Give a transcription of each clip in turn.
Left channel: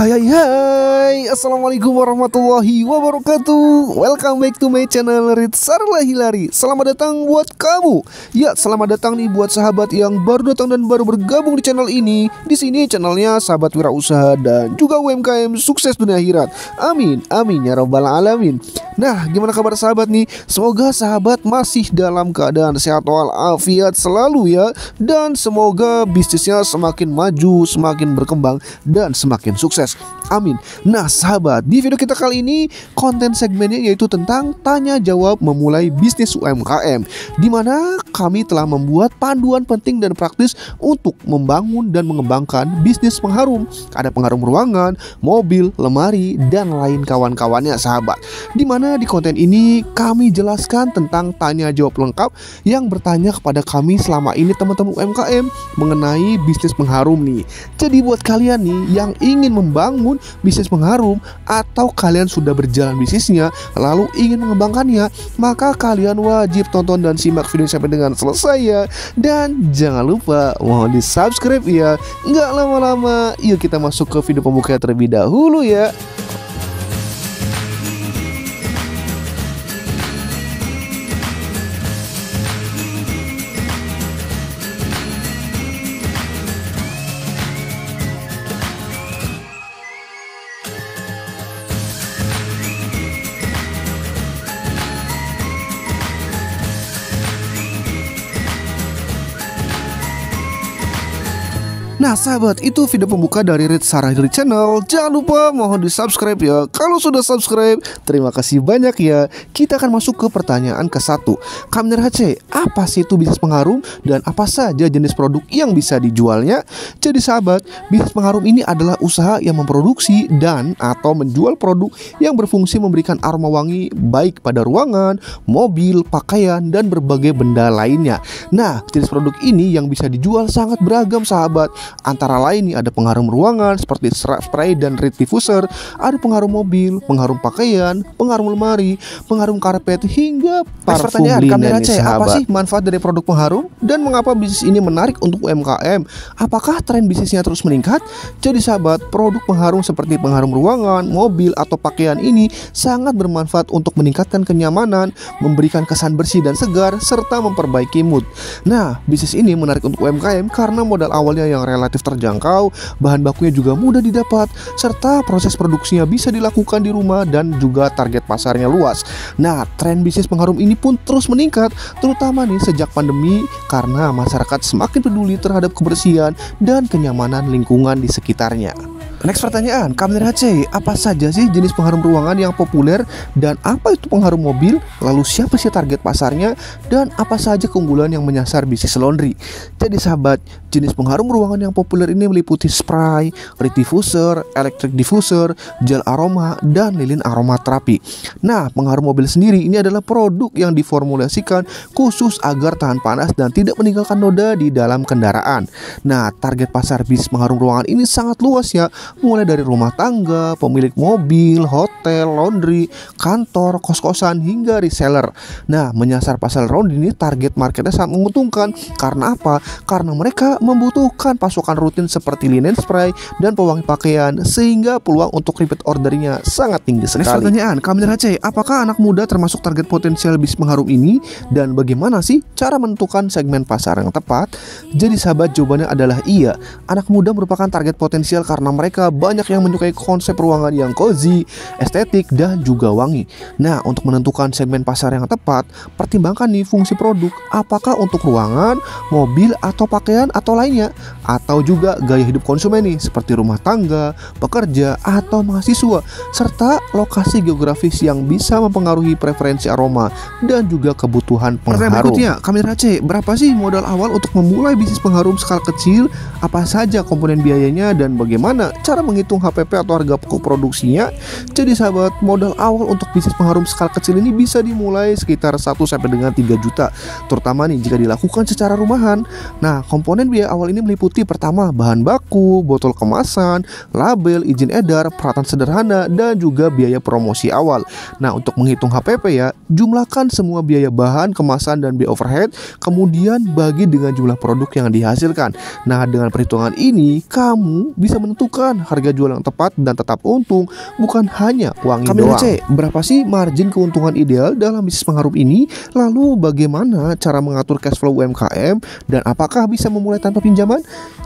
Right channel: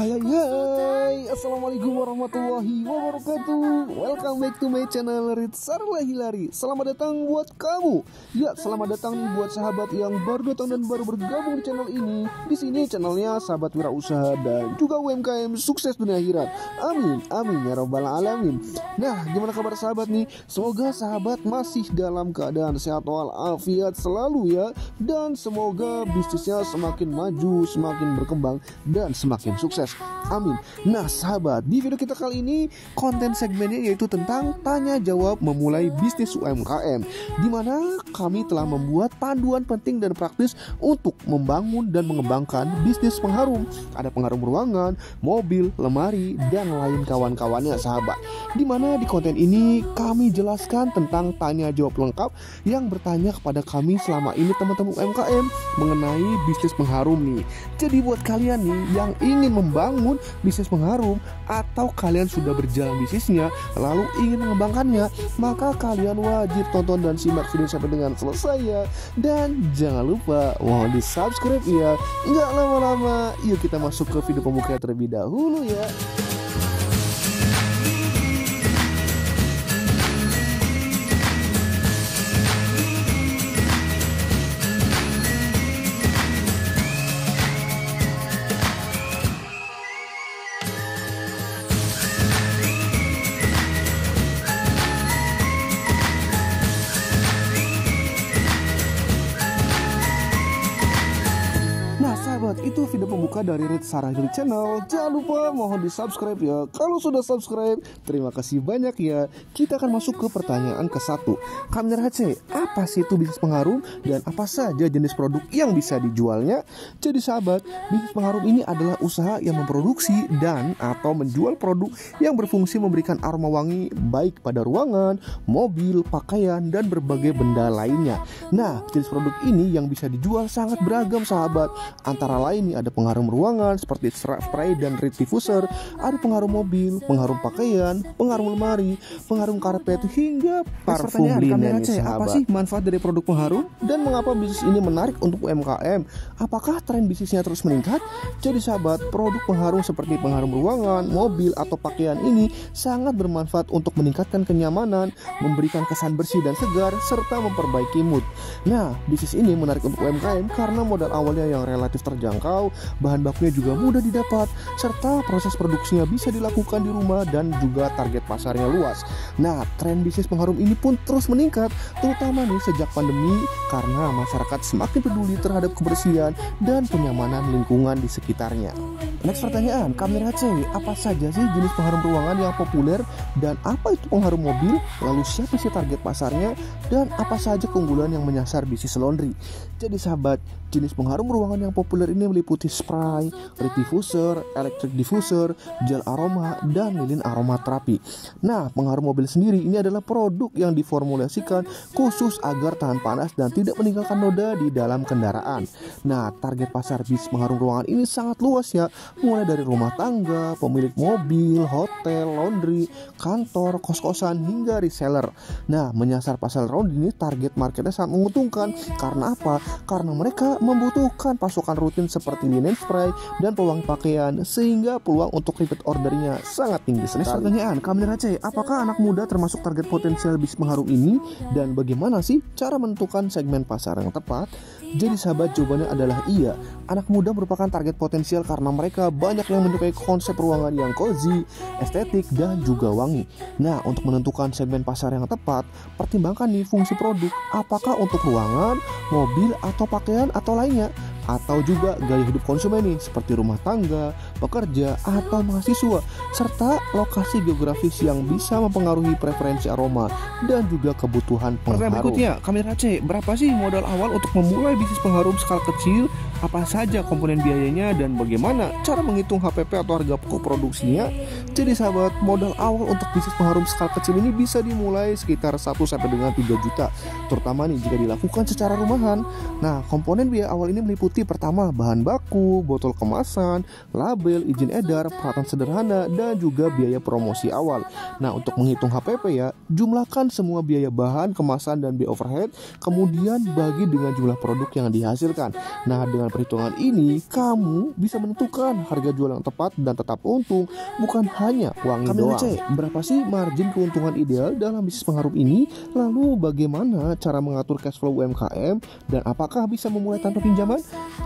Hai hai hai, assalamualaikum warahmatullahi wabarakatuh. Welcome back to my channel Ritsarla Hilari. Selamat datang buat kamu. Ya, selamat datang nih buat sahabat yang baru datang dan baru bergabung di channel ini. Di sini channelnya sahabat wirausaha dan juga UMKM sukses dunia akhirat. Amin, amin ya robbal alamin. Nah, gimana kabar sahabat nih? Semoga sahabat masih dalam keadaan sehat walafiat selalu ya. Dan semoga bisnisnya semakin maju, semakin berkembang dan semakin sukses. Amin. Nah sahabat, di video kita kali ini konten segmennya yaitu tentang tanya jawab memulai bisnis UMKM, dimana kami telah membuat panduan penting dan praktis untuk membangun dan mengembangkan bisnis pengharum. Ada pengharum ruangan, mobil, lemari, dan lain kawan-kawannya sahabat. Dimana di konten ini kami jelaskan tentang tanya jawab lengkap yang bertanya kepada kami selama ini teman-teman UMKM mengenai bisnis pengharum nih. Jadi buat kalian nih yang ingin membangun bisnis pengharum atau kalian sudah berjalan bisnisnya lalu ingin mengembangkannya, maka kalian wajib tonton dan simak video sampai dengan selesai ya. Dan jangan lupa mohon di subscribe ya. Nggak lama-lama, yuk kita masuk ke video pembuka terlebih dahulu ya. Nah sahabat, itu video pembuka dari Ritsarla Hilari Channel. Jangan lupa mohon di subscribe ya. Kalau sudah subscribe, terima kasih banyak ya. Kita akan masuk ke pertanyaan ke-1. Kamner HC, apa sih itu bisnis pengharum dan apa saja jenis produk yang bisa dijualnya? Jadi sahabat, bisnis pengharum ini adalah usaha yang memproduksi dan atau menjual produk yang berfungsi memberikan aroma wangi baik pada ruangan, mobil, pakaian, dan berbagai benda lainnya. Nah, jenis produk ini yang bisa dijual sangat beragam sahabat. Antara lain nih ada pengharum ruangan seperti spray dan reed diffuser, ada pengharum mobil, pengharum pakaian, pengharum lemari, pengharum karpet, hingga parfum linen nih sahabat. Apa sih manfaat dari produk pengharum dan mengapa bisnis ini menarik untuk UMKM? Apakah tren bisnisnya terus meningkat? Jadi sahabat, produk pengharum seperti pengharum ruangan, mobil, atau pakaian ini sangat bermanfaat untuk meningkatkan kenyamanan, memberikan kesan bersih dan segar, serta memperbaiki mood. Nah, bisnis ini menarik untuk UMKM karena modal awalnya yang relatif terjangkau, bahan bakunya juga mudah didapat, serta proses produksinya bisa dilakukan di rumah dan juga target pasarnya luas. Nah, tren bisnis pengharum ini pun terus meningkat, terutama nih sejak pandemi karena masyarakat semakin peduli terhadap kebersihan dan kenyamanan lingkungan di sekitarnya. Next pertanyaan, Kamner HC, apa saja sih jenis pengharum ruangan yang populer dan apa itu pengharum mobil? Lalu siapa sih target pasarnya dan apa saja keunggulan yang menyasar bisnis laundry? Jadi sahabat, jenis pengharum ruangan yang populer ini meliputi spray, reed diffuser, electric diffuser, gel aroma, dan lilin aromaterapi. Nah, pengharum mobil sendiri ini adalah produk yang diformulasikan khusus agar tahan panas dan tidak meninggalkan noda di dalam kendaraan. Nah, target pasar bisnis pengharum ruangan ini sangat luas ya, mulai dari rumah tangga, pemilik mobil, hotel, laundry, kantor, kos-kosan, hingga reseller. Nah, menyasar pasar laundry ini target marketnya sangat menguntungkan. Karena apa? Karena mereka membutuhkan pasokan rutin seperti linen spray dan pewangi pakaian, sehingga peluang untuk repeat ordernya sangat tinggi sekali. Next pertanyaan, Kamner HC, apakah anak muda termasuk target potensial bisnis pengharum ini dan bagaimana sih cara menentukan segmen pasar yang tepat? Jadi sahabat, jawabannya adalah iya. Anak muda merupakan target potensial karena mereka banyak yang menyukai konsep ruangan yang cozy, estetik, dan juga wangi. Nah, untuk menentukan segmen pasar yang tepat, pertimbangkan nih fungsi produk, apakah untuk ruangan, mobil, atau pakaian, atau lainnya, atau juga gaya hidup konsumen nih, seperti rumah tangga, pekerja, atau mahasiswa, serta lokasi geografis yang bisa mempengaruhi preferensi aroma dan juga kebutuhan pengharum. Berikutnya, Kamner HC, berapa sih modal awal untuk memulai bisnis pengharum skala kecil? Apa saja komponen biayanya dan bagaimana cara menghitung HPP atau harga pokok produksinya? Jadi sahabat, modal awal untuk bisnis pengharum skala kecil ini bisa dimulai sekitar 1 sampai dengan 3 juta, terutama nih jika dilakukan secara rumahan. Nah, komponen biaya awal ini meliputi pertama bahan baku, botol kemasan, label, izin edar, peralatan sederhana, dan juga biaya promosi awal. Nah, untuk menghitung HPP ya, jumlahkan semua biaya bahan, kemasan, dan biaya overhead, kemudian bagi dengan jumlah produk yang dihasilkan. Nah, dengan perhitungan ini kamu bisa menentukan kemasan, harga jual yang tepat dan tetap untung, bukan hanya wangi doang. Berapa sih margin keuntungan ideal dalam bisnis pengharum ini? Lalu bagaimana cara mengatur cash flow UMKM dan apakah bisa memulai tanpa pinjaman?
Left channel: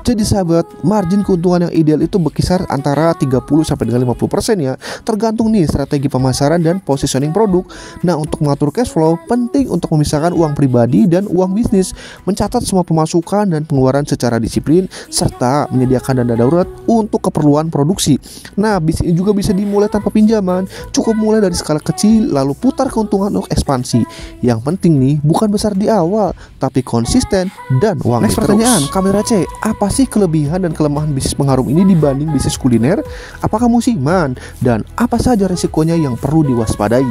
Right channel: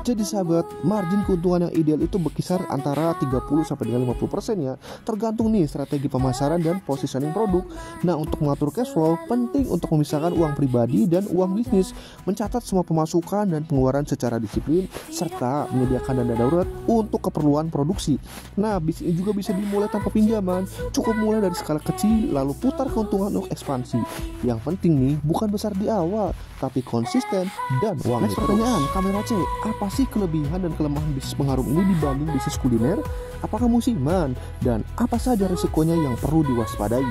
Jadi sahabat, margin keuntungan yang ideal itu berkisar antara 30 sampai dengan 50% ya, tergantung nih strategi pemasaran dan positioning produk. Nah, untuk mengatur cash flow penting untuk memisahkan uang pribadi dan uang bisnis, mencatat semua pemasukan dan pengeluaran secara disiplin, serta menyediakan dana darurat untuk keperluan produksi. Nah, bisnis ini juga bisa dimulai tanpa pinjaman. Cukup mulai dari skala kecil lalu putar keuntungan untuk ekspansi. Yang penting nih bukan besar di awal, tapi konsisten dan wangi terus. Pertanyaan, Kamera C, apa sih kelebihan dan kelemahan bisnis pengharum ini dibanding bisnis kuliner? Apakah musiman? Dan apa saja risikonya yang perlu diwaspadai?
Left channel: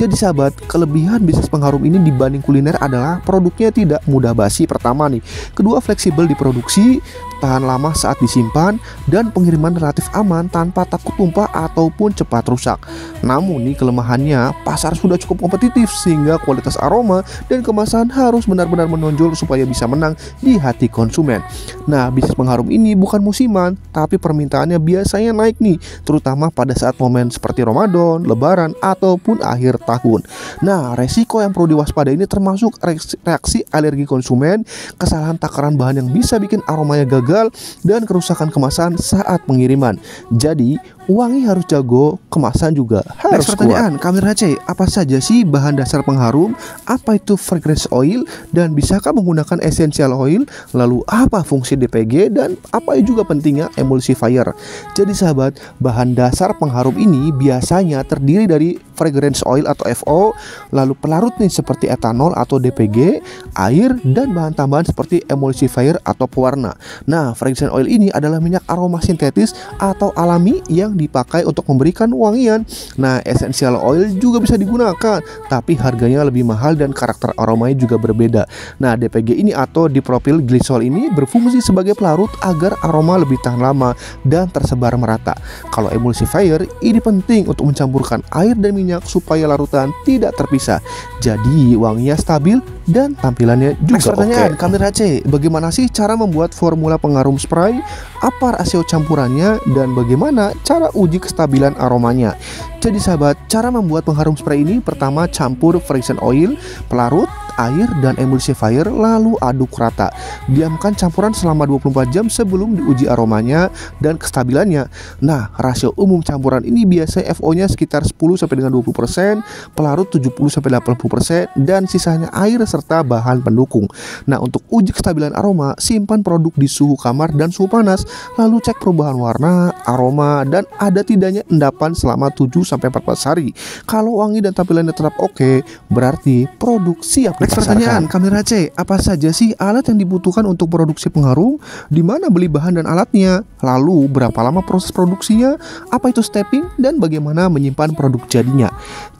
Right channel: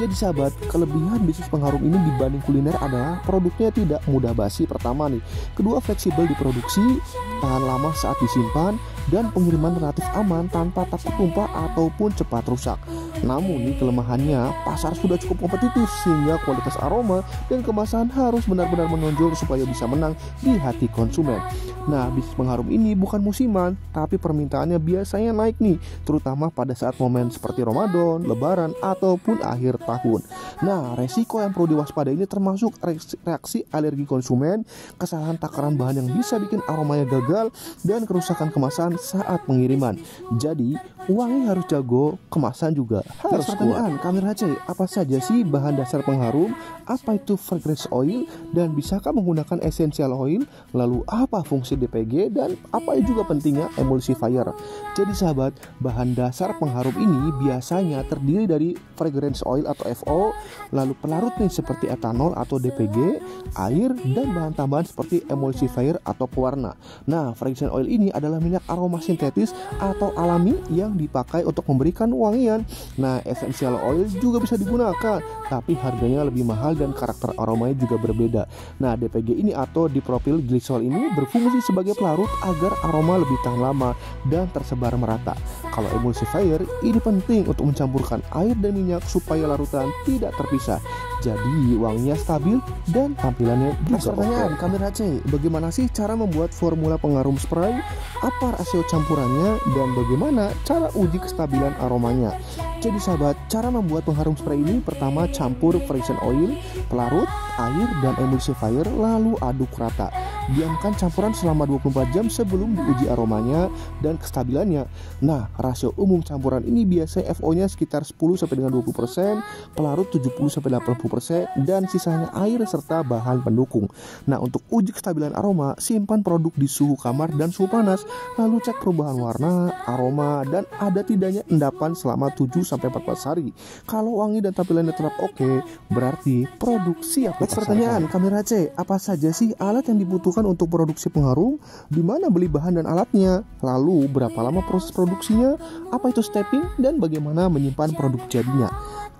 Jadi sahabat, kelebihan bisnis pengharum ini dibanding kuliner adalah produknya tidak mudah basi pertama nih. Kedua, fleksibel diproduksi, tahan lama saat disimpan, dan pengiriman relatif aman tanpa takut tumpah ataupun cepat rusak. Namun nih kelemahannya, pasar sudah cukup kompetitif sehingga kualitas aroma dan kemasan harus benar-benar menonjol supaya bisa menang di hati konsumen. Nah, bisnis pengharum ini bukan musiman, tapi permintaannya biasanya naik nih, terutama pada saat momen seperti Ramadan, Lebaran, ataupun akhir tahun. Nah, resiko yang perlu diwaspadai ini termasuk reaksi alergi konsumen, kesalahan takaran bahan yang bisa bikin aromanya gagal, dan kerusakan kemasan saat pengiriman. Jadi, wangi harus jago, kemasan juga harus kuat. Kamera C, apa saja sih bahan dasar pengharum? Apa itu fragrance oil? Dan bisakah menggunakan essential oil? Lalu apa fungsi DPG? Dan apa juga pentingnya emulsifier? Jadi sahabat, bahan dasar pengharum ini biasanya terdiri dari fragrance oil atau FO, lalu pelarut nih seperti etanol atau DPG, air, dan bahan tambahan seperti emulsifier atau pewarna. Nah, fragrance oil ini adalah minyak aroma sintetis atau alami yang dipakai untuk memberikan wangian. Nah, essential oil juga bisa digunakan, tapi harganya lebih mahal dan karakter aromanya juga berbeda. Nah, DPG ini atau dipropyl glycol ini berfungsi sebagai pelarut agar aroma lebih tahan lama dan tersebar merata. Kalau emulsifier ini penting untuk mencampurkan air dan minyak supaya larutan tidak terpisah. Jadi wanginya stabil dan tampilannya juga oke. Kamera C, bagaimana sih cara membuat formula pengharum spray? Apa rasio campurannya dan bagaimana cara uji kestabilan aromanya? Jadi sahabat, cara membuat pengharum spray ini pertama campur fragrance oil, pelarut, air, dan emulsifier lalu aduk rata. Diamkan campuran selama 24 jam sebelum diuji aromanya dan kestabilannya. Nah, rasio umum campuran ini biasanya FO-nya sekitar 10 sampai dengan 20%, pelarut 70 sampai 80%, dan sisanya air serta bahan pendukung. Nah, untuk uji kestabilan aroma, simpan produk di suhu kamar dan suhu panas, lalu cek perubahan warna, aroma, dan ada tidaknya endapan selama 7 sampai 14 hari. Kalau wangi dan tampilannya tetap oke, berarti produk siap dipasarkan. Pertanyaan, Kamera C, apa saja sih alat yang dibutuhkan untuk produksi pengharum? Di mana beli bahan dan alatnya? Lalu berapa lama proses produksinya? Apa itu stepping dan bagaimana menyimpan produk jadinya?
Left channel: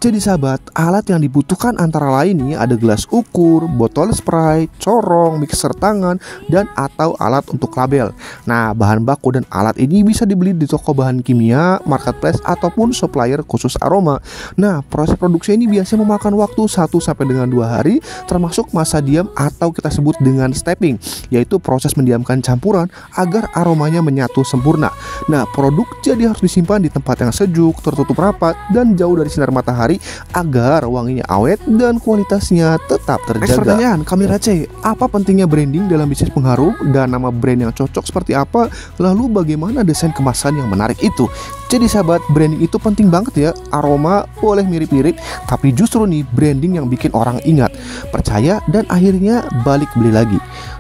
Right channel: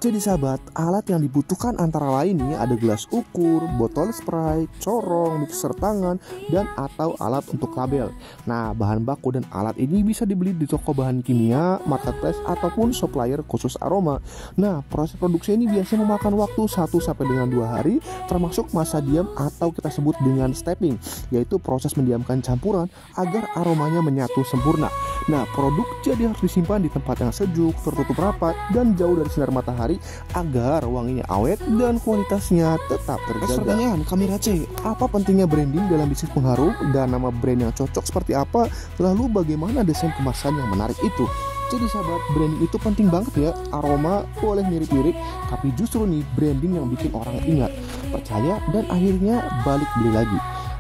Jadi sahabat, alat yang dibutuhkan antara lain nih ada gelas ukur, botol spray, corong, mixer tangan, dan atau alat untuk label. Nah, bahan baku dan alat ini bisa dibeli di toko bahan kimia, marketplace, ataupun supplier khusus aroma. Nah, proses produksi ini biasanya memakan waktu 1 sampai dengan 2 hari, termasuk masa diam atau kita sebut dengan stepping, yaitu proses mendiamkan campuran agar aromanya menyatu sempurna. Nah, produk jadi harus disimpan di tempat yang sejuk, tertutup rapat, dan jauh dari sinar matahari agar wanginya awet dan kualitasnya tetap terjaga. Pertanyaan, Kamera C, apa pentingnya branding dalam bisnis pengharum dan nama brand yang cocok seperti apa? Lalu bagaimana desain kemasan yang menarik itu? Jadi sahabat, branding itu penting banget ya. Aroma boleh mirip-mirip, tapi justru nih branding yang bikin orang ingat, percaya, dan akhirnya balik beli lagi.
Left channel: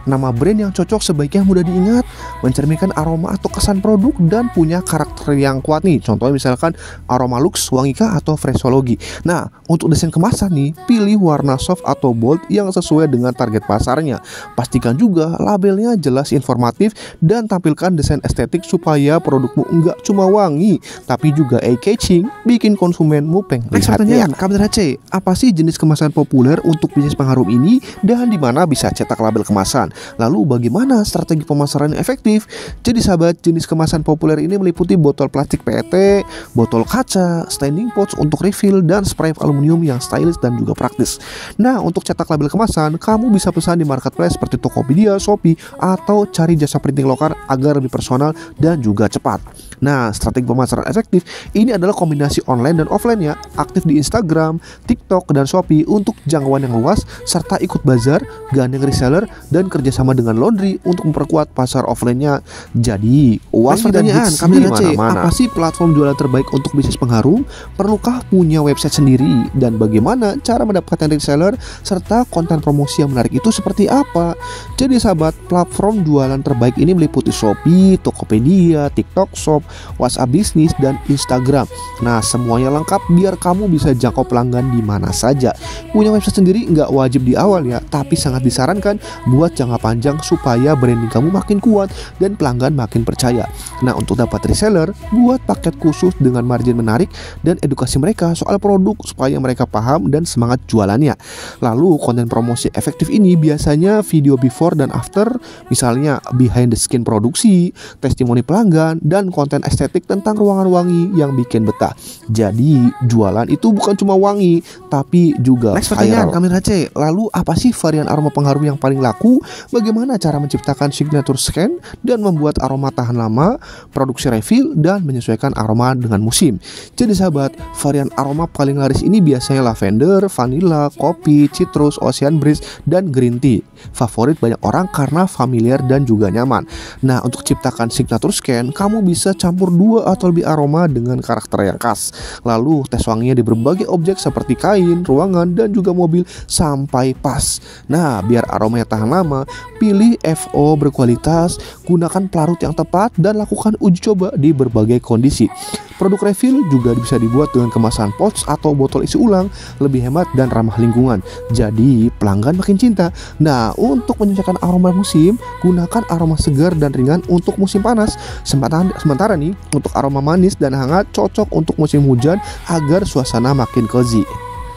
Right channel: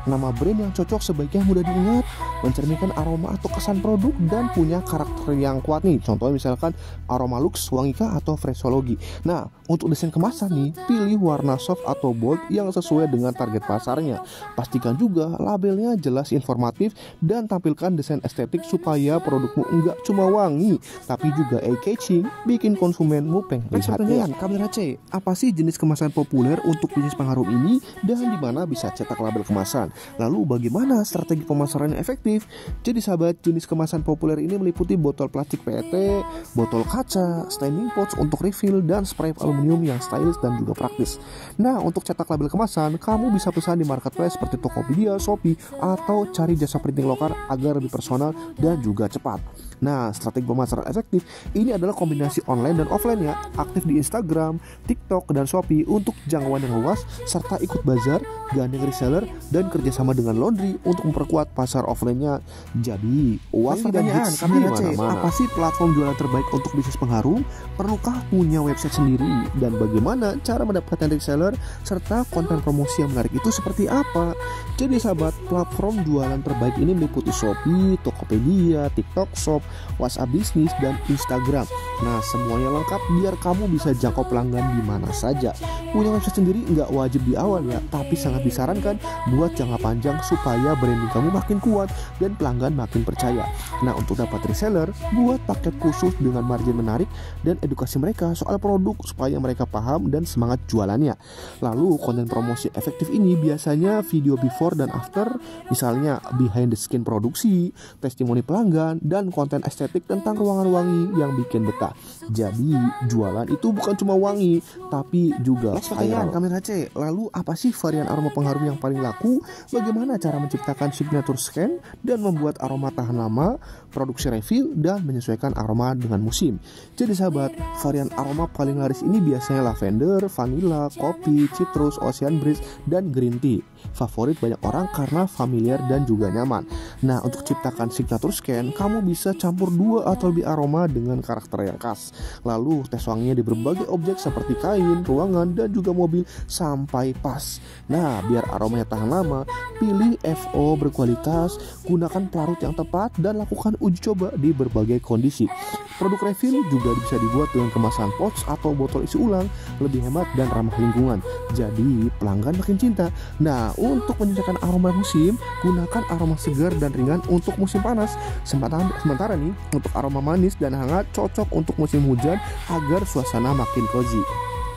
Nama brand yang cocok sebaiknya mudah diingat, mencerminkan aroma atau kesan produk, dan punya karakter yang kuat nih. Contohnya misalkan aroma luxe, wangika, atau freshologi. Nah, untuk desain kemasan nih, pilih warna soft atau bold yang sesuai dengan target pasarnya. Pastikan juga labelnya jelas, informatif, dan tampilkan desain estetik supaya produkmu enggak cuma wangi, tapi juga eye-catching, bikin konsumenmu pengen lihatnya. Kamera C, apa sih jenis kemasan populer untuk bisnis pengharum ini dan di mana bisa cetak label kemasan? Lalu bagaimana strategi pemasaran yang efektif? Jadi sahabat, jenis kemasan populer ini meliputi botol plastik PET, botol kaca, standing pouch untuk refill, dan spray aluminium yang stylish dan juga praktis. Nah, untuk cetak label kemasan, kamu bisa pesan di marketplace seperti Tokopedia, Shopee, atau cari jasa printing lokal agar lebih personal dan juga cepat. Nah, strategi pemasaran efektif ini adalah kombinasi online dan offline ya, aktif di Instagram, TikTok, dan Shopee untuk jangkauan yang luas, serta ikut bazar, gandeng reseller, dan kerjasama dengan laundry untuk memperkuat pasar offline-nya. Jadi, pertanyaan kami mana? Apa sih platform jualan terbaik untuk bisnis pengharum? Perlukah punya website sendiri? Dan bagaimana cara mendapatkan reseller serta konten promosi yang menarik itu seperti apa? Jadi sahabat, platform jualan terbaik ini meliputi Shopee, Tokopedia, TikTok Shop, WhatsApp bisnis, dan Instagram. Nah, semuanya lengkap biar kamu bisa jangkau pelanggan di mana saja. Punya website sendiri nggak wajib di awal ya, tapi sangat disarankan buat jangka panjang supaya branding kamu makin kuat dan pelanggan makin percaya. Nah, untuk dapat reseller, buat paket khusus dengan margin menarik dan edukasi mereka soal produk supaya mereka paham dan semangat jualannya. Lalu, konten promosi efektif ini biasanya video before dan after, misalnya behind the skin produksi, testimoni pelanggan, dan konten estetik tentang ruangan wangi yang bikin betah. Jadi jualan itu bukan cuma wangi, tapi juga next pertanyaan kami Race. Lalu apa sih varian aroma pengharum yang paling laku? Bagaimana cara menciptakan signature scent dan membuat aroma tahan lama, produksi refill, dan menyesuaikan aroma dengan musim? Jadi sahabat, varian aroma paling laris ini biasanya lavender, vanilla, kopi, citrus, ocean breeze, dan green tea. Favorit banyak orang karena familiar dan juga nyaman. Nah, untuk ciptakan signature scent, kamu bisa campur 2 atau lebih aroma dengan karakter yang khas. Lalu tes wanginya di berbagai objek seperti kain, ruangan, dan juga mobil sampai pas. Nah, biar aromanya tahan lama, pilih FO berkualitas, gunakan pelarut yang tepat, dan lakukan uji coba di berbagai kondisi. Produk refill juga bisa dibuat dengan kemasan pouch atau botol isi ulang, lebih hemat dan ramah lingkungan. Jadi pelanggan makin cinta. Nah, untuk menyesuaikan aroma musim, gunakan aroma segar dan ringan untuk musim panas. Sementara nih, untuk aroma manis dan hangat cocok untuk musim hujan agar suasana makin cozy.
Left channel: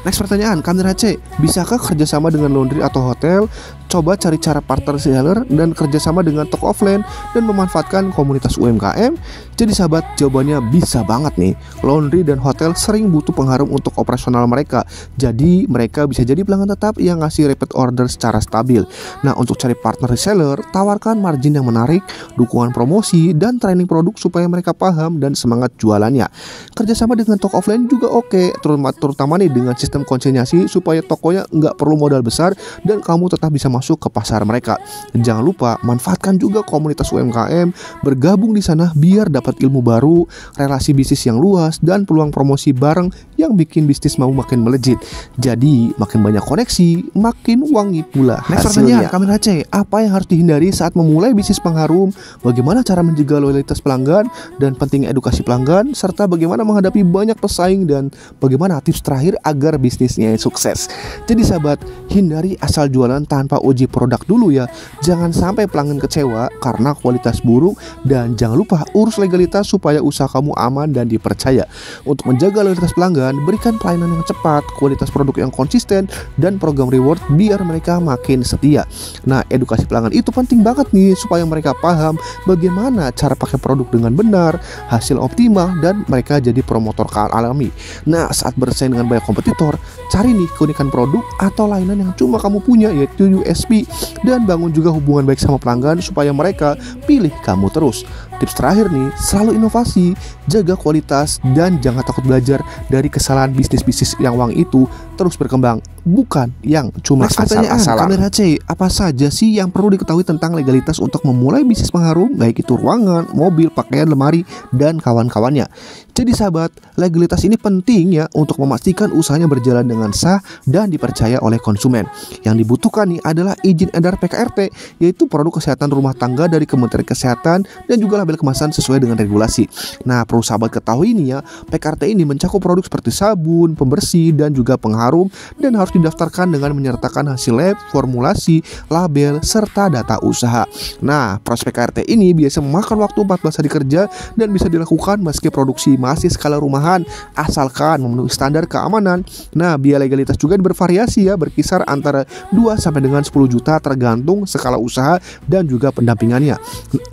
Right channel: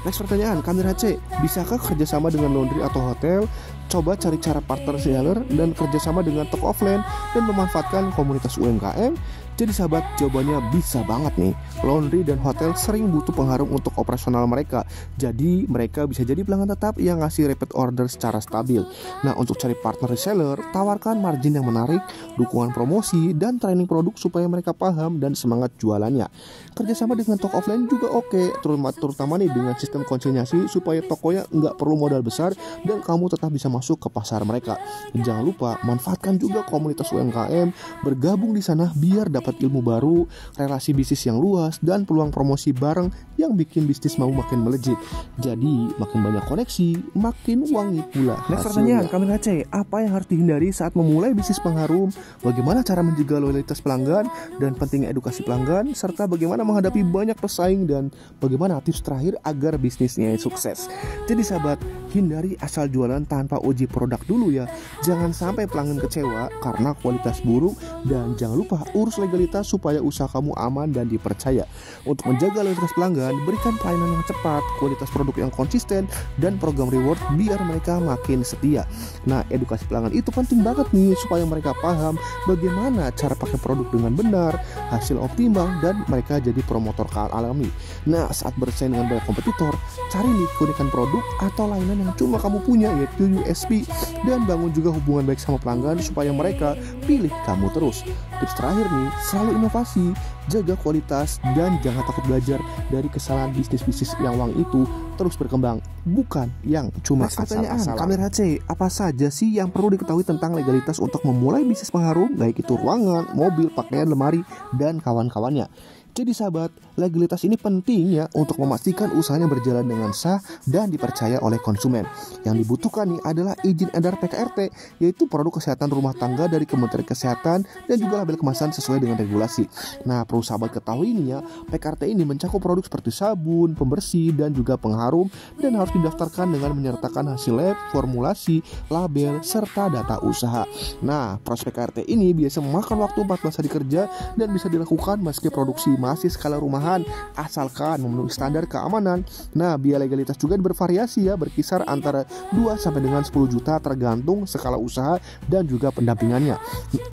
Next pertanyaan, Kak Race, bisakah kerjasama dengan laundry atau hotel? Coba cari cara partner reseller dan kerjasama dengan toko offline dan memanfaatkan komunitas UMKM. Jadi sahabat, jawabannya bisa banget nih. Laundry dan hotel sering butuh pengharum untuk operasional mereka. Jadi mereka bisa jadi pelanggan tetap yang ngasih repeat order secara stabil. Nah, untuk cari partner reseller, tawarkan margin yang menarik, dukungan promosi, dan training produk supaya mereka paham dan semangat jualannya. Kerjasama dengan toko offline juga oke, terutama nih dengan sistem konsinyasi supaya tokonya nggak perlu modal besar dan kamu tetap bisa masuk ke pasar mereka. Dan jangan lupa manfaatkan juga komunitas UMKM, bergabung di sana biar dapat ilmu baru, relasi bisnis yang luas, dan peluang promosi bareng yang bikin bisnis mau makin melejit. Jadi makin banyak koneksi, makin wangi pula hasilnya. Next pertanyaan, Kak Race, apa yang harus dihindari saat memulai bisnis pengharum? Bagaimana cara menjaga loyalitas pelanggan dan pentingnya edukasi pelanggan, serta bagaimana menghadapi banyak pesaing dan bagaimana tips terakhir agar bisnisnya sukses. Jadi sahabat, hindari asal jualan tanpa uji produk dulu ya. Jangan sampai pelanggan kecewa karena kualitas buruk, dan jangan lupa urus legalitas supaya usaha kamu aman dan dipercaya. Untuk menjaga loyalitas pelanggan, berikan pelayanan yang cepat, kualitas produk yang konsisten, dan program reward biar mereka makin setia. Nah, edukasi pelanggan itu penting banget nih supaya mereka paham bagaimana cara pakai produk dengan benar, hasil optimal, dan mereka jadi promotor alami. Nah, saat bersaing dengan banyak kompetitor, cari nih keunikan produk atau layanan yang cuma kamu punya, yaitu USP, dan bangun juga hubungan baik sama pelanggan supaya mereka pilih kamu terus. Tips terakhir nih, selalu inovasi, jaga kualitas, dan jangan takut belajar dari kesalahan bisnis-bisnis yang wangi itu, terus berkembang, bukan yang cuma asal-asalan. Kak Race, apa saja sih yang perlu diketahui tentang legalitas untuk memulai bisnis pengharum, baik itu ruangan, mobil, pakaian, lemari, dan kawan-kawannya? Jadi sahabat, legalitas ini penting ya untuk memastikan usahanya berjalan dengan sah dan dipercaya oleh konsumen. Yang dibutuhkan nih adalah izin edar PKRT, yaitu produk kesehatan rumah tangga dari Kementerian Kesehatan, dan juga label kemasan sesuai dengan regulasi. Nah, perlu sahabat ketahui nih ya, PKRT ini mencakup produk seperti sabun, pembersih, dan juga pengharum, dan harus didaftarkan dengan menyertakan hasil lab, formulasi, label, serta data usaha. Nah, proses PKRT ini biasa memakan waktu 14 hari kerja dan bisa dilakukan meski produksi masih skala rumahan asalkan memenuhi standar keamanan. Nah, biaya legalitas juga bervariasi ya, berkisar antara 2 sampai dengan 10 juta tergantung skala usaha dan juga pendampingannya.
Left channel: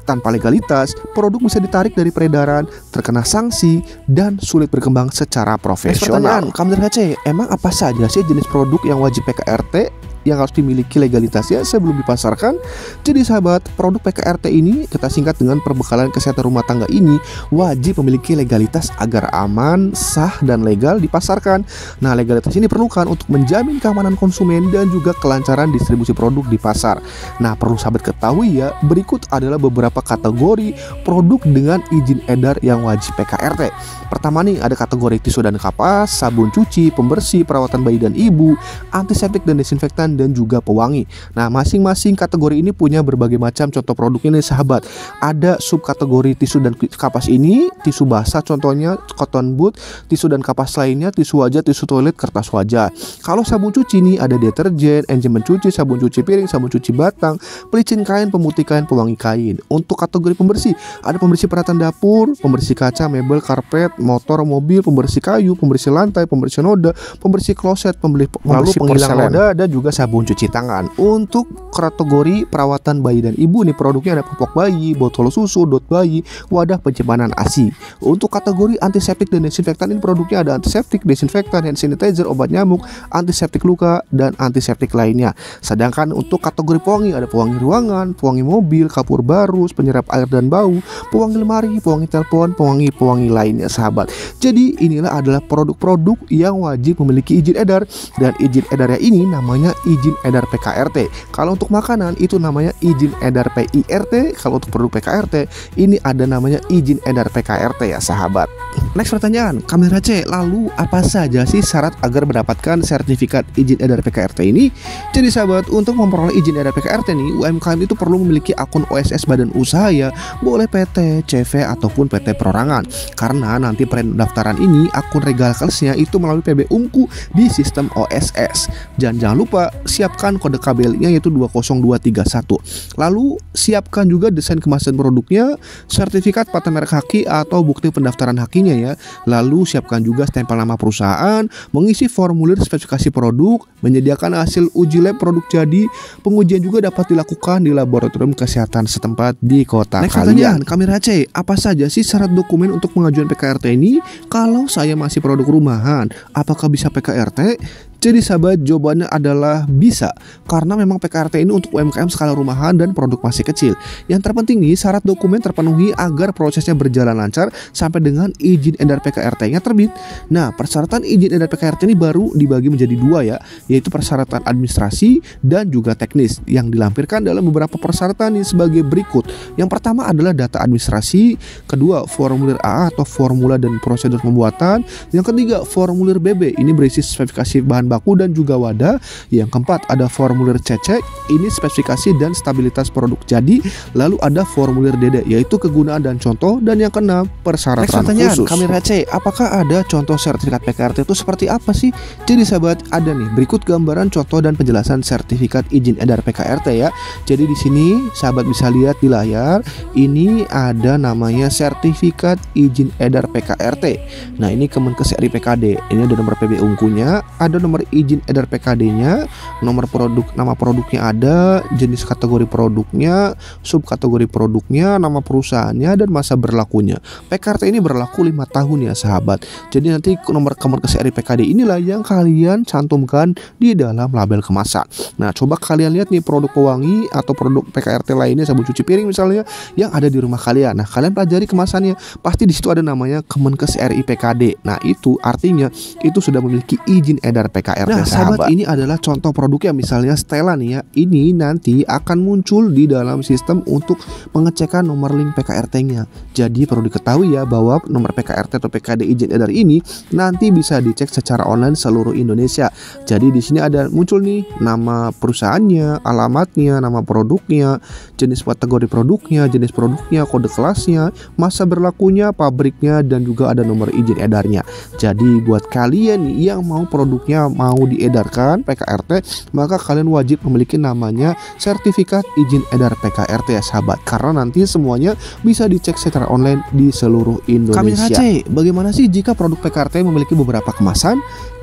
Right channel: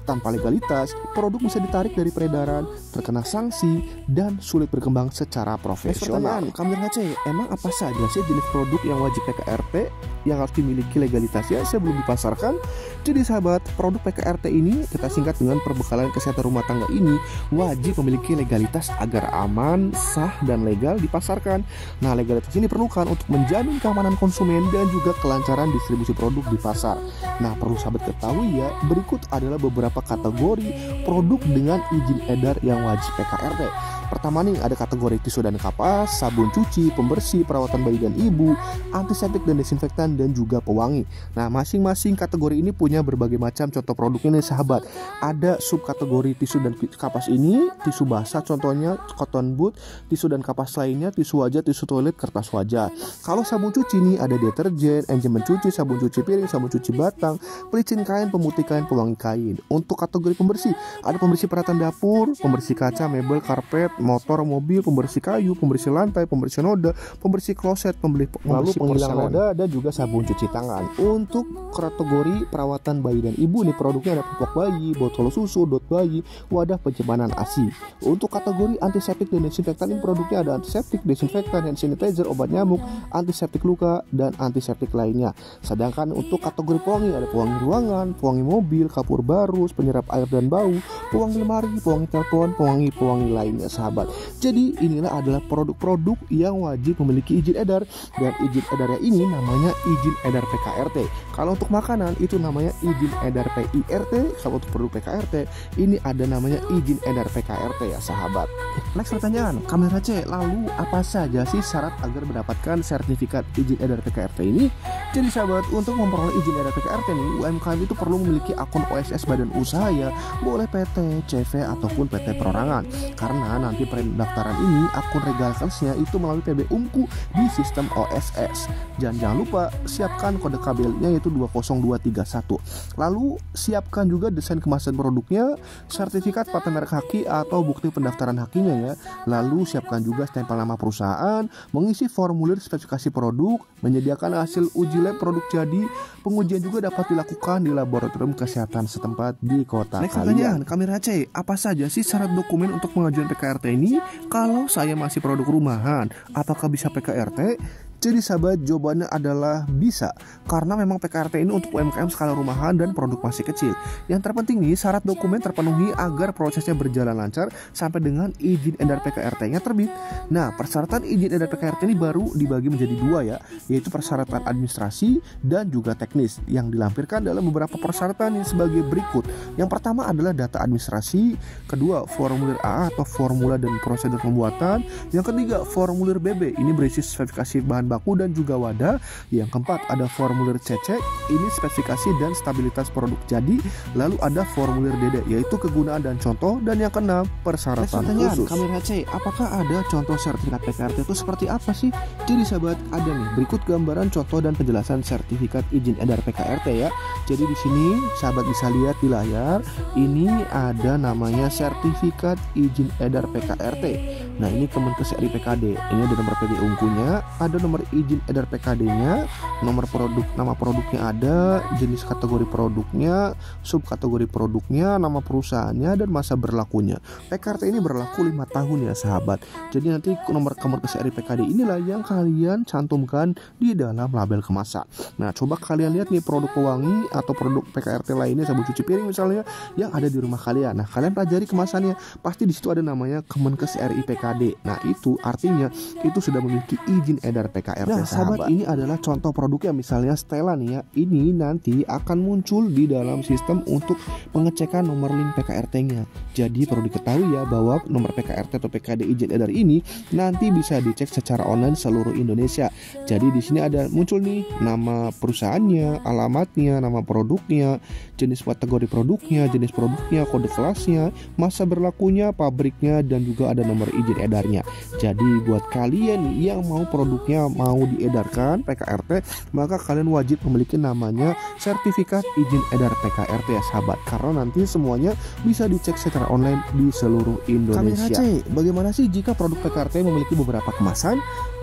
Tanpa legalitas, produk bisa ditarik dari peredaran, terkena sanksi, dan sulit berkembang secara profesional. Kamder HC, emang apa saja sih jenis produk yang wajib PKRT yang harus dimiliki legalitasnya sebelum dipasarkan? Jadi sahabat, produk PKRT ini kita singkat dengan perbekalan kesehatan rumah tangga ini wajib memiliki legalitas agar aman, sah, dan legal dipasarkan. Nah, legalitas ini diperlukan untuk menjamin keamanan konsumen dan juga kelancaran distribusi produk di pasar. Nah, perlu sahabat ketahui ya, berikut adalah beberapa kategori produk dengan izin edar yang wajib PKRT. Pertama nih, ada kategori tisu dan kapas, sabun cuci, pembersih, perawatan bayi dan ibu, antiseptik dan desinfektan, dan juga pewangi. Nah, masing-masing kategori ini punya berbagai macam contoh produk ini sahabat. Ada subkategori tisu dan kapas ini, tisu basah contohnya cotton bud, tisu dan kapas lainnya tisu wajah, tisu toilet, kertas wajah. Kalau sabun cuci ini ada deterjen, enzim mencuci, sabun cuci piring, sabun cuci batang, pelicin kain, pemutih kain, pewangi kain. Untuk kategori pembersih, ada pembersih peralatan dapur, pembersih kaca, mebel, karpet, motor, mobil, pembersih kayu, pembersih lantai, pembersih noda, pembersih kloset, pembersih penghilang noda, dan juga sabun cuci tangan. Untuk kategori perawatan bayi dan ibu nih, produknya ada popok bayi, botol susu, dot bayi, wadah penyimpanan ASI. Untuk kategori antiseptik dan desinfektan ini produknya ada antiseptik, desinfektan, hand sanitizer, obat nyamuk, antiseptik luka, dan antiseptik lainnya. Sedangkan untuk kategori pewangi ada pewangi ruangan, pewangi mobil, kapur barus, penyerap air dan bau, pewangi lemari, pewangi telepon, pewangi lainnya sahabat. Jadi inilah adalah produk-produk yang wajib memiliki izin edar, dan izin edarnya ini namanya izin edar PKRT. Kalau untuk makanan itu namanya izin edar PIRT. Kalau untuk produk PKRT ini ada namanya izin edar PKRT ya sahabat. Next pertanyaan, Kamera C, lalu apa saja sih syarat agar mendapatkan sertifikat izin edar PKRT ini? Jadi sahabat, untuk memperoleh izin edar PKRT nih, UMKM itu perlu memiliki akun OSS badan usaha ya, boleh PT, CV ataupun PT perorangan. Karena nanti pendaftaran ini akun legalnya itu melalui PB Unku di sistem OSS. Dan jangan lupa siapkan kode KBL-nya yaitu 20231. Lalu siapkan juga desain kemasan produknya, sertifikat paten merek haki atau bukti pendaftaran hakinya ya. Lalu siapkan juga stempel nama perusahaan, mengisi formulir spesifikasi produk, menyediakan hasil uji lab produk jadi. Pengujian juga dapat dilakukan di laboratorium kesehatan setempat di kota kalian. Kamera C, apa saja sih syarat dokumen untuk pengajuan PKRT ini? Kalau saya masih produk rumahan, apakah bisa PKRT? Jadi sahabat, jawabannya adalah bisa, karena memang PKRT ini untuk UMKM skala rumahan dan produk masih kecil. Yang terpenting nih, syarat dokumen terpenuhi agar prosesnya berjalan lancar sampai dengan izin edar PKRT-nya terbit. Nah, persyaratan izin edar PKRT ini baru dibagi menjadi dua ya, yaitu persyaratan administrasi dan juga teknis, yang dilampirkan dalam beberapa persyaratan yang sebagai berikut. Yang pertama adalah data administrasi, kedua formulir A atau formula dan prosedur pembuatan, yang ketiga formulir BB, ini berisi spesifikasi bahan baku dan juga wadah. Yang keempat ada formulir CC, ini spesifikasi dan stabilitas produk jadi. Lalu ada formulir DD, yaitu kegunaan dan contoh. Dan yang keenam persyaratan khusus. Kamera C, apakah ada contoh sertifikat PKRT itu seperti apa sih? Jadi sahabat, ada nih berikut gambaran contoh dan penjelasan sertifikat izin edar PKRT ya. Jadi di sini sahabat bisa lihat di layar, ini ada namanya sertifikat izin edar PKRT. Nah, ini Kemenkes RI PKD. Ini ada nomor PB Unkunya, ada nomor izin edar PKD-nya, nomor produk, nama produknya ada, jenis kategori produknya, subkategori produknya, nama perusahaannya, dan masa berlakunya. PKRT ini berlaku 5 tahun ya sahabat. Jadi nanti nomor Kemenkes RI PKD inilah yang kalian cantumkan di dalam label kemasan. Nah, coba kalian lihat nih produk pewangi atau produk PKRT lainnya, sabun cuci piring misalnya, yang ada di rumah kalian. Nah, kalian pelajari kemasannya, pasti di situ ada namanya Kemenkes RI PKD. Nah, itu artinya itu sudah memiliki izin edar PKRT. Nah sahabat, ini adalah contoh produknya, misalnya Stella nih ya. Ini nanti akan muncul di dalam sistem untuk pengecekan nomor link PKRT-nya. Jadi perlu diketahui ya bahwa nomor PKRT atau PKD izin edar ini nanti bisa dicek secara online seluruh Indonesia. Jadi di sini ada muncul nih nama perusahaannya, alamatnya, nama produknya, jenis kategori produknya, jenis produknya, kode kelasnya, masa berlakunya, pabriknya, dan juga ada nomor izin edarnya. Jadi buat kalian nih yang mau produknya mau diedarkan PKRT, maka kalian wajib memiliki namanya sertifikat izin edar PKRT ya sahabat, karena nanti semuanya bisa dicek secara online di seluruh Indonesia. Bagaimana sih jika produk PKRT memiliki beberapa kemasan?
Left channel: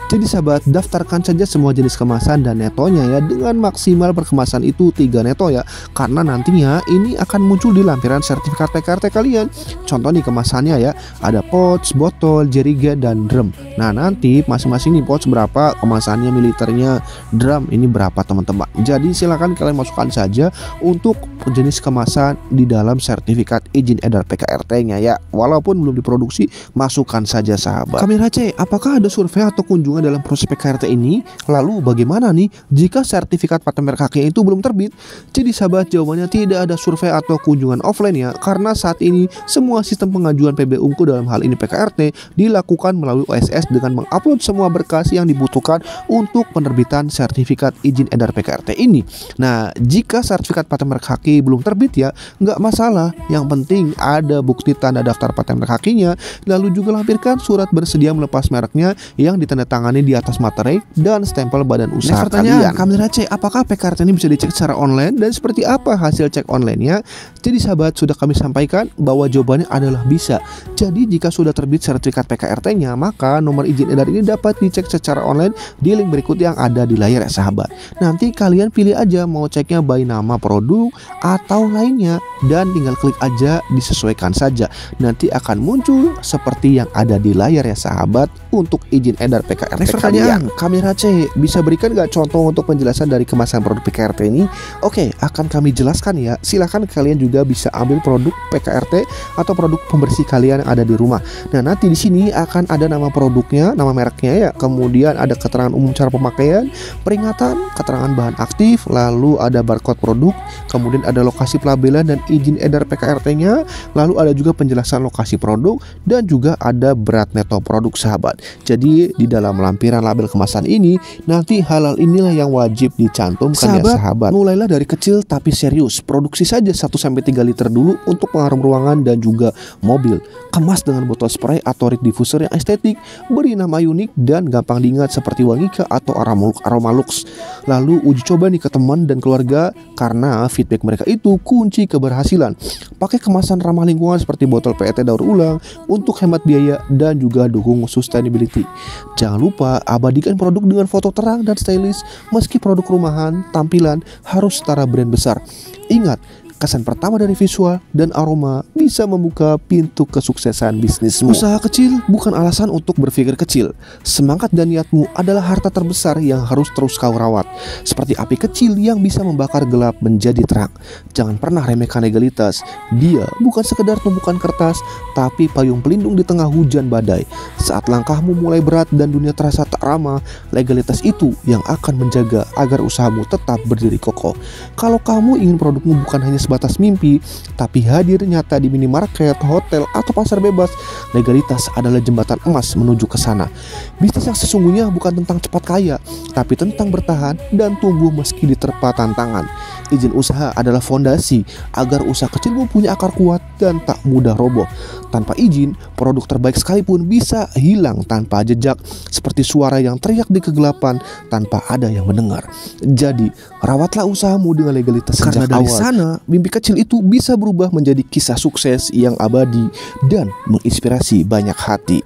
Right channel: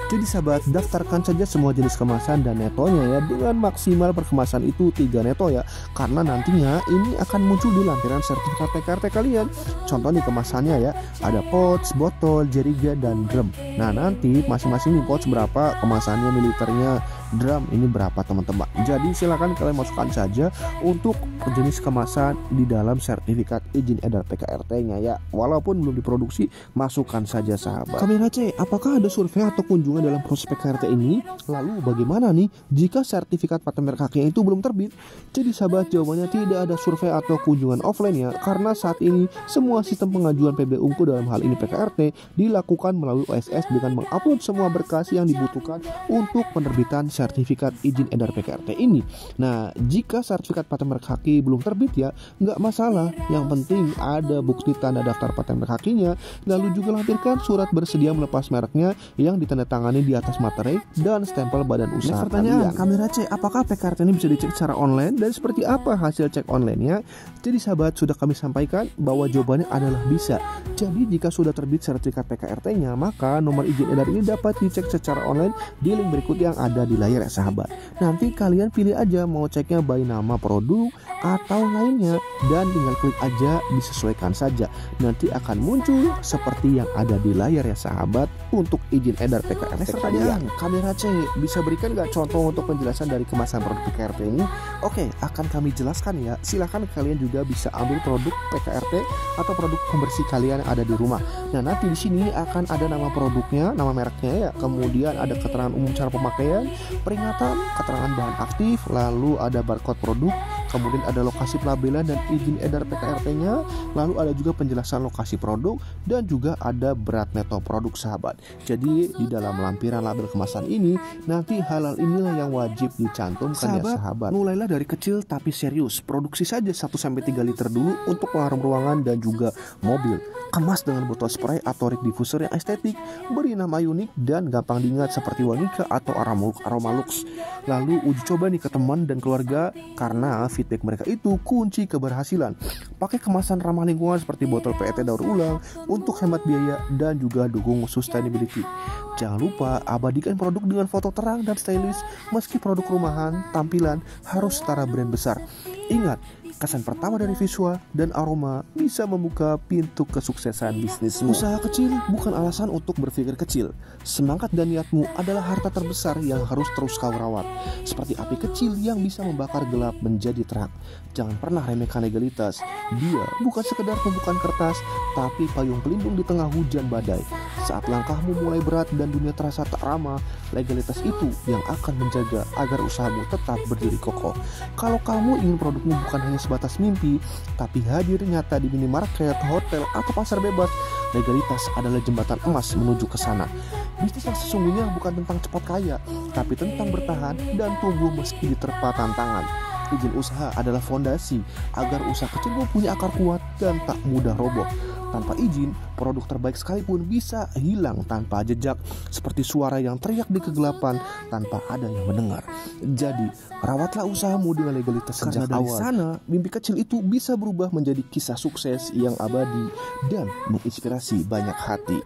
Jadi sahabat, daftarkan saja semua jenis kemasan dan netonya ya, dengan maksimal perkemasan itu 3 neto ya, karena nantinya ini akan muncul di lampiran sertifikat PKRT kalian. Contoh nih kemasannya ya, ada pouch, botol, jerigen, dan drum. Nah nanti masing-masing nih pouch berapa, kemasannya, militernya, drum ini berapa teman-teman. Jadi silakan kalian masukkan saja untuk jenis kemasan di dalam sertifikat izin edar PKRT-nya ya, walaupun belum diproduksi, masukkan saja sahabat. Kamera C, apakah ada survei atau kunjungan dalam proses PKRT ini? Lalu bagaimana nih jika sertifikat paten merek haknya itu belum terbit? Jadi sahabat, jawabannya tidak ada survei atau kunjungan offline ya, karena saat ini semua sistem pengajuan PB Ungu dalam hal ini PKRT dilakukan melalui OSS dengan mengupload semua berkas yang dibutuhkan untuk penerbitan sertifikat izin edar PKRT ini. Nah jika sertifikat paten merek haki belum terbit ya nggak masalah, yang penting ada bukti tanda daftar paten merek hakinya, lalu juga lampirkan surat bersedia melepas mereknya yang ditandatangani di atas materai dan stempel badan usaha kalian. Kamera C, apakah PKRT ini bisa dicek secara online dan seperti apa hasil cek online-nya? Jadi sahabat, sudah kami sampaikan bahwa jawabannya adalah bisa. Jadi jika sudah terbit sertifikat PKRT-nya, maka nomor izin edar ini dapat dicek secara online di link berikut yang ada di layar ya sahabat. Nanti kalian pilih aja mau ceknya by nama produk atau lainnya, dan tinggal klik aja, disesuaikan saja. Nanti akan muncul seperti yang ada di layar ya sahabat untuk izin edar PKRT. Next pertanyaan, Kamera C, bisa berikan gak contoh untuk penjelasan dari kemasan produk PKRT ini? Oke, akan kami jelaskan ya. Silahkan kalian juga bisa ambil produk PKRT atau produk pembersih kalian yang ada di rumah. Nah nanti di sini akan ada nama produknya, nama mereknya ya, kemudian ada keterangan umum cara pemakaian, peringatan, keterangan bahan aktif, lalu ada barcode produk, kemudian ada lokasi pelabelan dan izin edar PKRT-nya, lalu ada juga penjelasan lokasi produk, dan juga ada berat neto produk sahabat. Jadi di dalam lampiran label kemasan ini nanti hal-hal inilah yang wajib dicantumkan ya sahabat. Mulailah dari kecil tapi serius, produksi saja 1-3 liter dulu untuk pengharum ruangan dan juga mobil. Kemas dengan botol spray atau rig diffuser yang estetik, beri nama unik dan gampang diingat seperti Wangika atau Aroma Lux. Lalu uji coba nih ke teman dan keluarga, karena feedback mereka itu kunci keberhasilan. Pakai kemasan ramah lingkungan seperti botol PET daur ulang untuk hemat biaya dan juga dukung sustainability. Jangan lupa abadikan produk dengan foto terang dan stylish. Meski produk rumahan, tampilan harus setara brand besar. Ingat, kesan pertama dari visual dan aroma bisa membuka pintu kesuksesan bisnismu. Usaha kecil bukan alasan untuk berpikir kecil. Semangat dan niatmu adalah harta terbesar yang harus terus kau rawat. Seperti api kecil yang bisa membakar gelap menjadi terang. Jangan pernah remehkan legalitas. Dia bukan sekedar tumpukan kertas, tapi payung pelindung di tengah hujan badai. Saat langkahmu mulai berat dan dunia terasa tak ramah, legalitas itu yang akan menjaga agar usahamu tetap berdiri kokoh. Kalau kamu ingin produkmu bukan hanya sebatas mimpi, tapi hadir nyata di minimarket, hotel, atau pasar bebas, legalitas adalah jembatan emas menuju ke sana. Bisnis yang sesungguhnya bukan tentang cepat kaya, tapi tentang bertahan dan tumbuh meski diterpa tantangan. Izin usaha adalah fondasi agar usaha kecilmu punya akar kuat dan tak mudah roboh. Tanpa izin, produk terbaik sekalipun bisa hilang tanpa jejak, seperti suara yang teriak di kegelapan tanpa ada yang mendengar. Jadi, rawatlah usahamu dengan legalitas sejak awal. Karena dari sana, mimpi kecil itu bisa berubah menjadi kisah sukses yang abadi dan menginspirasi banyak hati.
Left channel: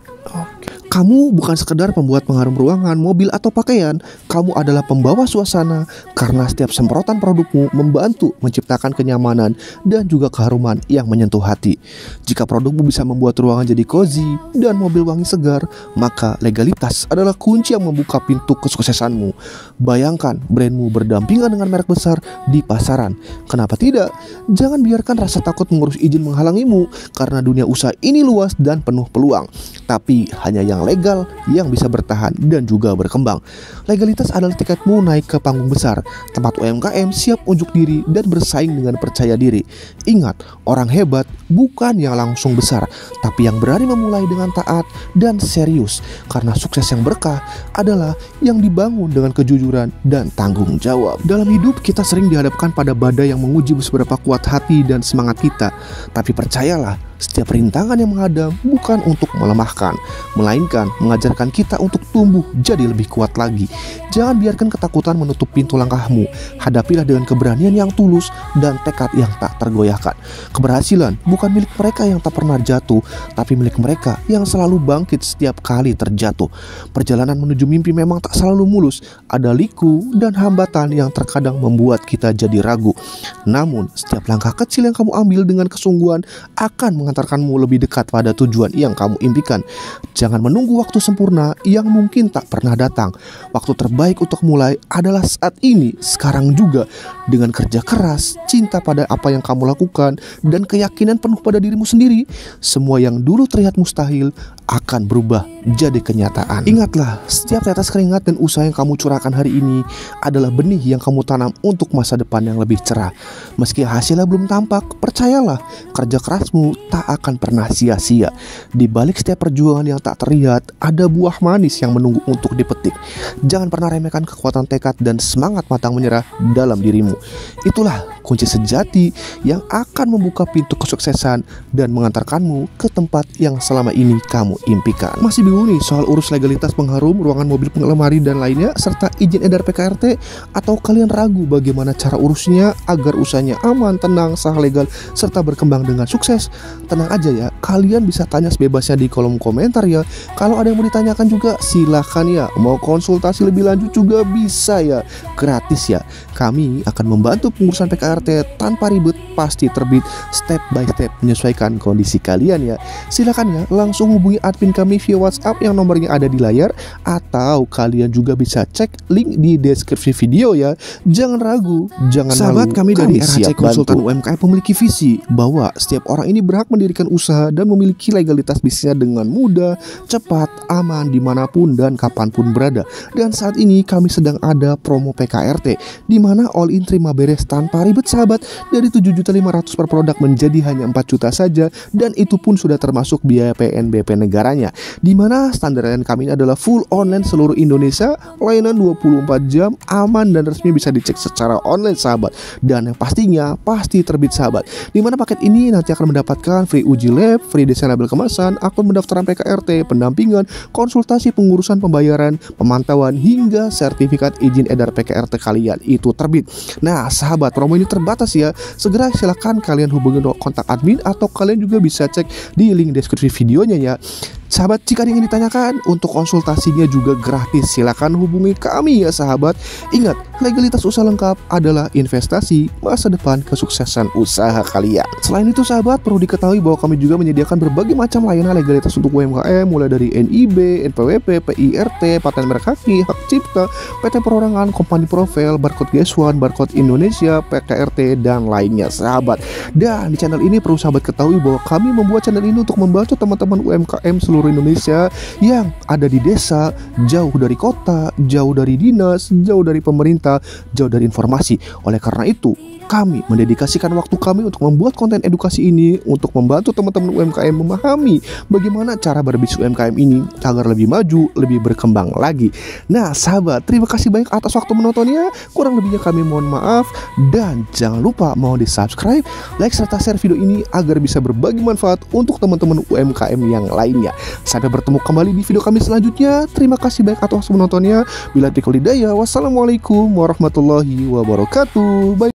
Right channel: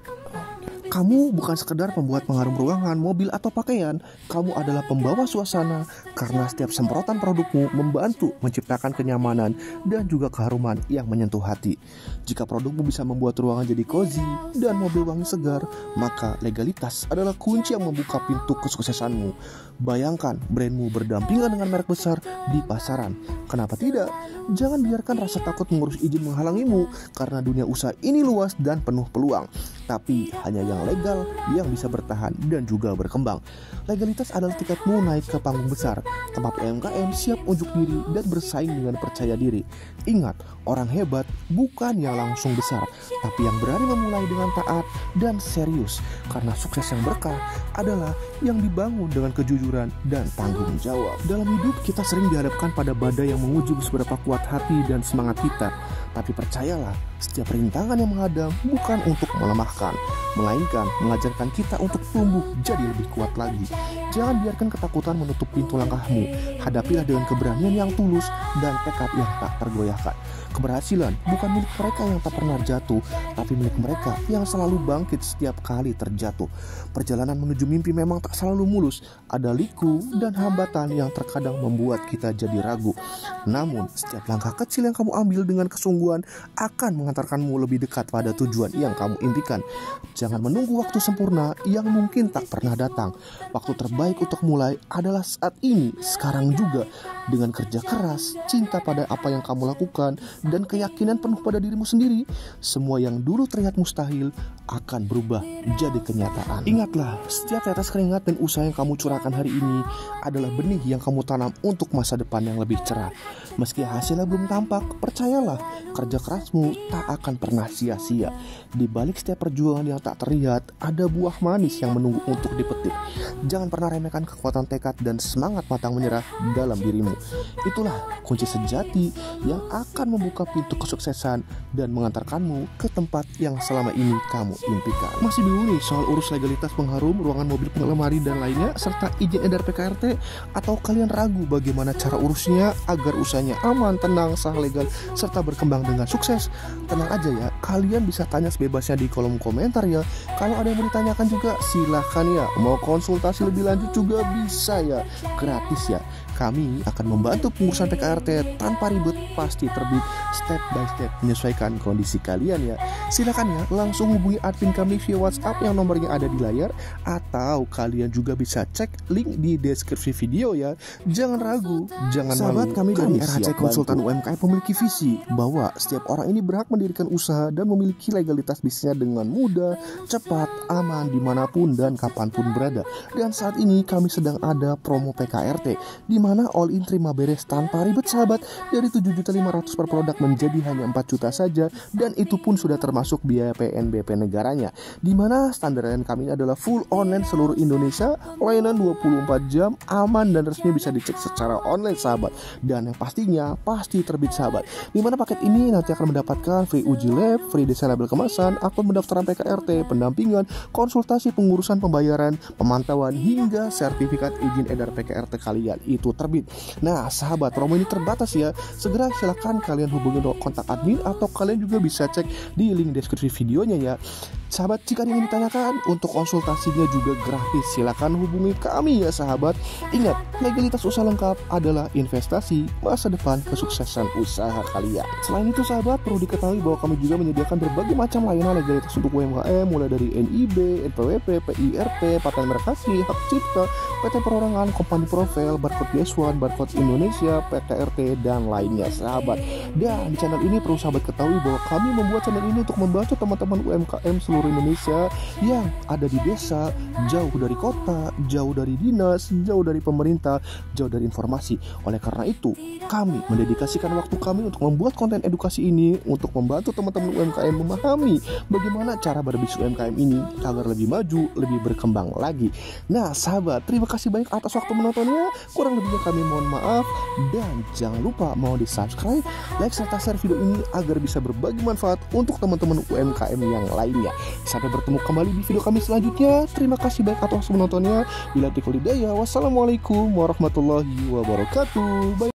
Kamu bukan sekedar pembuat pengharum ruangan, mobil, atau pakaian. Kamu adalah pembawa suasana, karena setiap semprotan produkmu membantu menciptakan kenyamanan dan juga keharuman yang menyentuh hati. Jika produkmu bisa membuat ruangan jadi cozy dan mobil wangi segar, maka legalitas adalah kunci yang membuka pintu kesuksesanmu. Bayangkan brandmu berdampingan dengan merek besar di pasaran. Kenapa tidak? Jangan biarkan rasa takut mengurus izin menghalangimu, karena dunia usaha ini luas dan penuh peluang. Tapi hanya yang legal yang bisa bertahan dan juga berkembang. Legalitas adalah tiketmu naik ke panggung besar, tempat UMKM siap unjuk diri dan bersaing dengan percaya diri. Ingat, orang hebat bukan yang langsung besar, tapi yang berani memulai dengan taat dan serius, karena sukses yang berkah adalah yang dibangun dengan kejujuran dan tanggung jawab. Dalam hidup kita sering dihadapkan pada badai yang menguji seberapa kuat hati dan semangat kita, tapi percayalah, setiap rintangan yang menghadang bukan untuk melemahkan, melainkan mengajarkan kita untuk tumbuh jadi lebih kuat lagi. Jangan biarkan ketakutan menutup pintu langkahmu. Hadapilah dengan keberanian yang tulus dan tekad yang tak tergoyahkan. Keberhasilan bukan milik mereka yang tak pernah jatuh, tapi milik mereka yang selalu bangkit setiap kali terjatuh. Perjalanan menuju mimpi memang tak selalu mulus. Ada liku dan hambatan yang terkadang membuat kita jadi ragu. Namun, setiap langkah kecil yang kamu ambil dengan kesungguhan akan mengantarkanmu lebih dekat pada tujuan yang kamu impikan. Jangan menunggu waktu sempurna yang mungkin tak pernah datang. Waktu terbaik untuk mulai adalah saat ini, sekarang juga. Dengan kerja keras, cinta pada apa yang kamu lakukan, dan keyakinan penuh pada dirimu sendiri, semua yang dulu terlihat mustahil akan berubah jadi kenyataan. Ingatlah, setiap tetes keringat dan usaha yang kamu curahkan hari ini adalah benih yang kamu tanam untuk masa depan yang lebih cerah. Meski hasilnya belum tampak, percayalah, kerja kerasmu tak akan pernah sia-sia. Di balik setiap perjuangan yang tak terlihat, ada buah manis yang menunggu untuk dipetik. Jangan pernah remehkan kekuatan tekad dan semangat pantang menyerah dalam dirimu. Itulah kunci sejati yang akan membuka pintu kesuksesan dan mengantarkanmu ke tempat yang selama ini kamu impikan. Masih bingung nih soal urus legalitas pengharum, ruangan mobil pengelemari dan lainnya, serta izin edar PKRT? Atau kalian ragu bagaimana cara urusnya agar usahanya aman, tenang, sah, legal, serta berkembang dengan sukses? Tenang aja ya, kalian bisa tanya sebebasnya di kolom komentar ya. Kalau ada yang mau ditanyakan juga silahkan ya. Mau konsultasi lebih lanjut juga bisa ya, gratis ya. Kami akan membantu pengurusan PKRT tanpa ribet, pasti terbit step by step menyesuaikan kondisi kalian ya. Silakan ya, langsung hubungi admin kami via WhatsApp yang nomornya ada di layar, atau kalian juga bisa cek link di deskripsi video ya. Jangan ragu, jangan Sahabat, kami dari RHC Konsultan UMKM memiliki visi bahwa setiap orang ini berhak mendirikan usaha dan memiliki legalitas bisnisnya dengan mudah, cepat, aman, dimanapun dan kapanpun berada. Dan saat ini kami sedang ada promo PKRT, di mana all in terima beres tanpa ribet sahabat. Dari 7.500.000 per produk menjadi hanya 4 juta saja, dan itu pun sudah termasuk biaya PNBP negaranya. Di mana standar layanan kami ini adalah full online seluruh Indonesia, layanan 24 jam, aman dan resmi, bisa dicek secara online sahabat. Dan yang pastinya pasti terbit sahabat. Di mana paket ini nanti akan mendapatkan free uji lab, free desain label kemasan, akun pendaftaran PKRT, pendampingan, konsultasi pengurusan pembayaran, pemantauan, hingga sertifikat izin edar PKRT kalian itu terbit. Nah sahabat, promo ini terbatas ya. Segera silahkan kalian hubungi kontak admin, atau kalian juga bisa cek di link deskripsi videonya ya. Sahabat, jika ingin ditanyakan, untuk konsultasinya juga gratis. Silakan hubungi kami ya sahabat. Ingat, legalitas usaha lengkap adalah investasi masa depan kesuksesan usaha kalian. Selain itu sahabat, perlu diketahui bahwa kami juga menyediakan berbagai macam layanan legalitas untuk UMKM, mulai dari NIB, NPWP, PIRT, paten merek kaki, hak cipta, PT perorangan, company profile, barcode G1, barcode Indonesia, PKRT, dan lainnya sahabat. Dan di channel ini perlu sahabat ketahui bahwa kami membuat channel ini untuk membantu teman-teman UMKM seluruh Indonesia yang ada di desa, jauh dari kota, jauh dari dinas, jauh dari pemerintah, jauh dari informasi. Oleh karena itu, kami mendedikasikan waktu kami untuk membuat konten edukasi ini untuk membantu teman-teman UMKM memahami bagaimana cara berbisnis UMKM ini agar lebih maju, lebih berkembang lagi. Nah sahabat, terima kasih banyak atas waktu menontonnya. Kurang lebihnya kami mohon maaf, dan jangan lupa mau di subscribe, like, serta share video ini agar bisa berbagi manfaat untuk teman-teman UMKM yang lainnya. Sampai bertemu kembali di video kami selanjutnya. Terima kasih banyak atas menontonnya. Bila taufiq wal hidayah. Wassalamualaikum warahmatullahi wabarakatuh. Bye.